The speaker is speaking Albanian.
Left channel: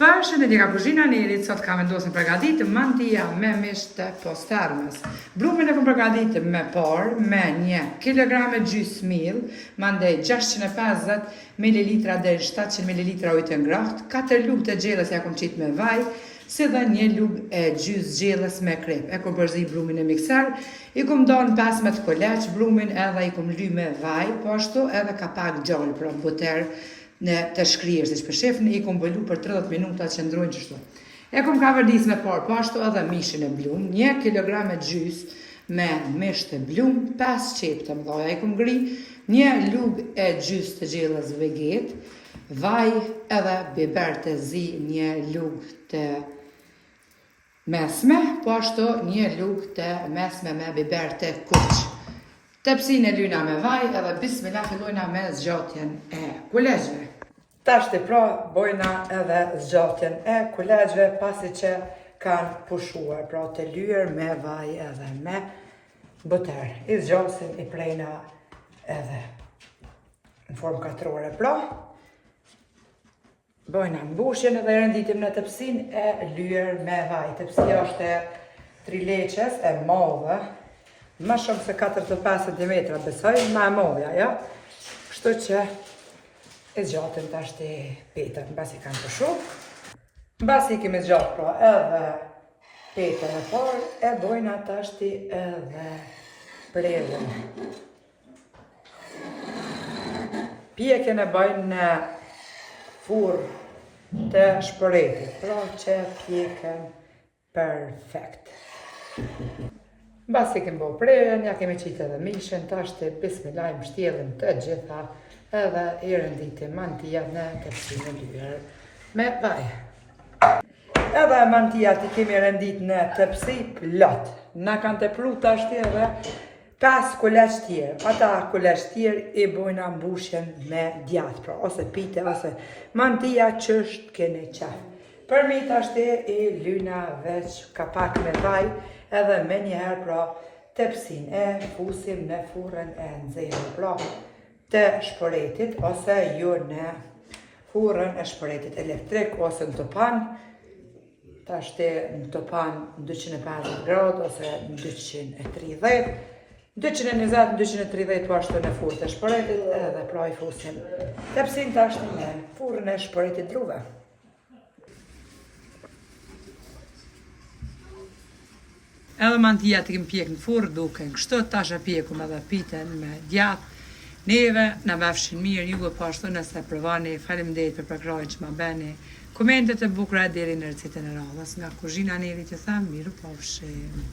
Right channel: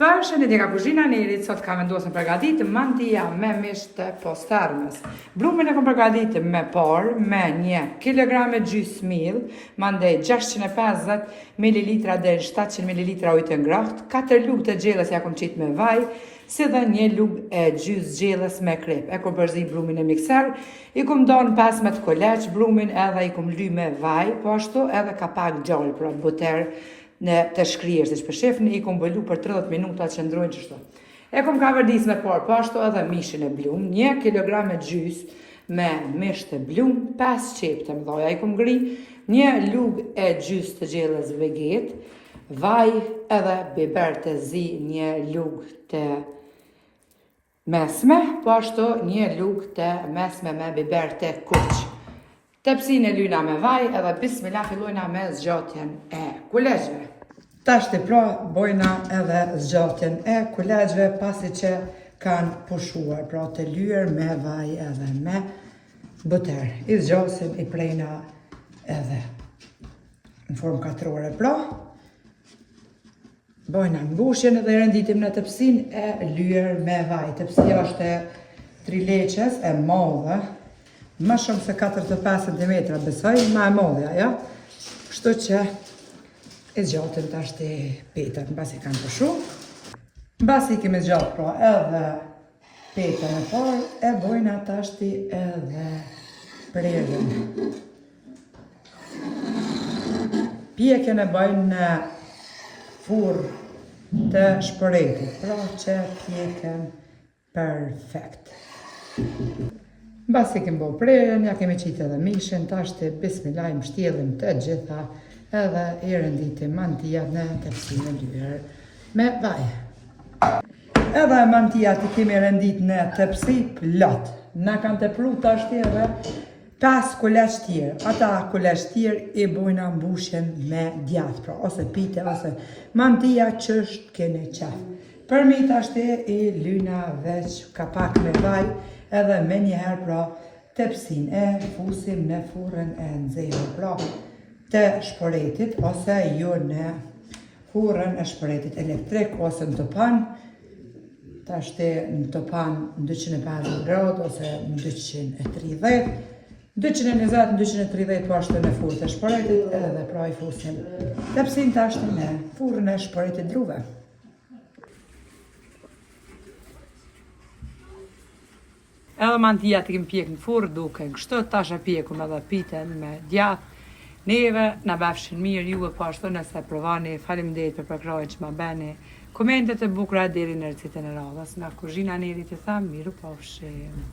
Përshëndetje nga kuzhina e Nerit, sot kam vendosur të përgatitë mantia me mish të postërmës. Blumin e kam përgatitur me por, me 1 kg gjys miell, mandej 650 ml deri 700 ml ujë të ngrohtë, 4 lugë të gjellës ja kam qit me vaj, si dhe 1 lugë e gjys gjellës me krep. E kam përzi blumin e mikser, i kam dhënë 15 koleç blumin edhe i kam ly me vaj, po ashtu edhe kapak gjallë për buter në të shkrier, si që për shifni, i kom bëllu për 30 minuta që ndrojnë qështu. E kom ka vërdis me por, po ashtu edhe mishin e blum, 1 kg gjys me mish të blum, 5 qep të mdoja, i kom gri 1 lugë e gjys të gjellës veget, vaj edhe biber të zi 1 lugë të mesme, po ashtu 1 lugë të mesme me biber të kuq. Tepsin e lyna me vaj edhe bismillah fillojna me zgjatjen e kulegjve. Tashti pra bojna edhe zgjatjen e kulegjve pasi që kanë pushuar, pra të lyer me vaj edhe me buter. I zgjasim, i prejna edhe në formë katrore pra. Bojna mbushjen edhe renditim në tepsin e lyer me vaj. Tepsia është e 3 leqes e madhe, më shumë se 4-5 cm, besoj, ma e modhja, ja? Kështu që i zgjatëm tashti petën, basi kanë pushu. Basi i kemi zgjatë pra edhe petën e parë, e bojna tashti edhe prerën. Pjekjen e bojnë në furrë të shpëretit, pra që pjekën perfekt. Basi kemi bo prerën, ja kemi qitë edhe mishin, tashti bismillah i mshtjellim të gjitha edhe i renditim mantia në tepsin e lyer me vaj. Edhe mantia ti kemi rendit në tepsi plot. Na kanë tepru tashti edhe 5 kuleç tjerë. Ata kuleç tjerë i bojna mbushjen me djath, pra ose pite ose mantia ç'është keni qaf. Për mi tashti i lyna veç kapak me vaj, edhe me njëherë pra tepsin e fusim në furrën e nxehur pra të shpëretit ose jo në furrën e shpëretit elektrik ose në topan. Tashti në topan 250 gradë ose 230, 220-230 po ashtu në furrën e shpëretit edhe pra i fusim tepsin tashti në furrën e shpëretit druve. Edhe mantia të kemë pjekë në furrë duke në kështu, tash e pjekum edhe piten me djath. Neve na befshin mirë, juve po ashtu nëse provani, faleminderit për përkrahjen që ma beni. Komentet e bukura deri në recetën e radhës. Nga kuzhina e Nerit ju them, miru pafshim.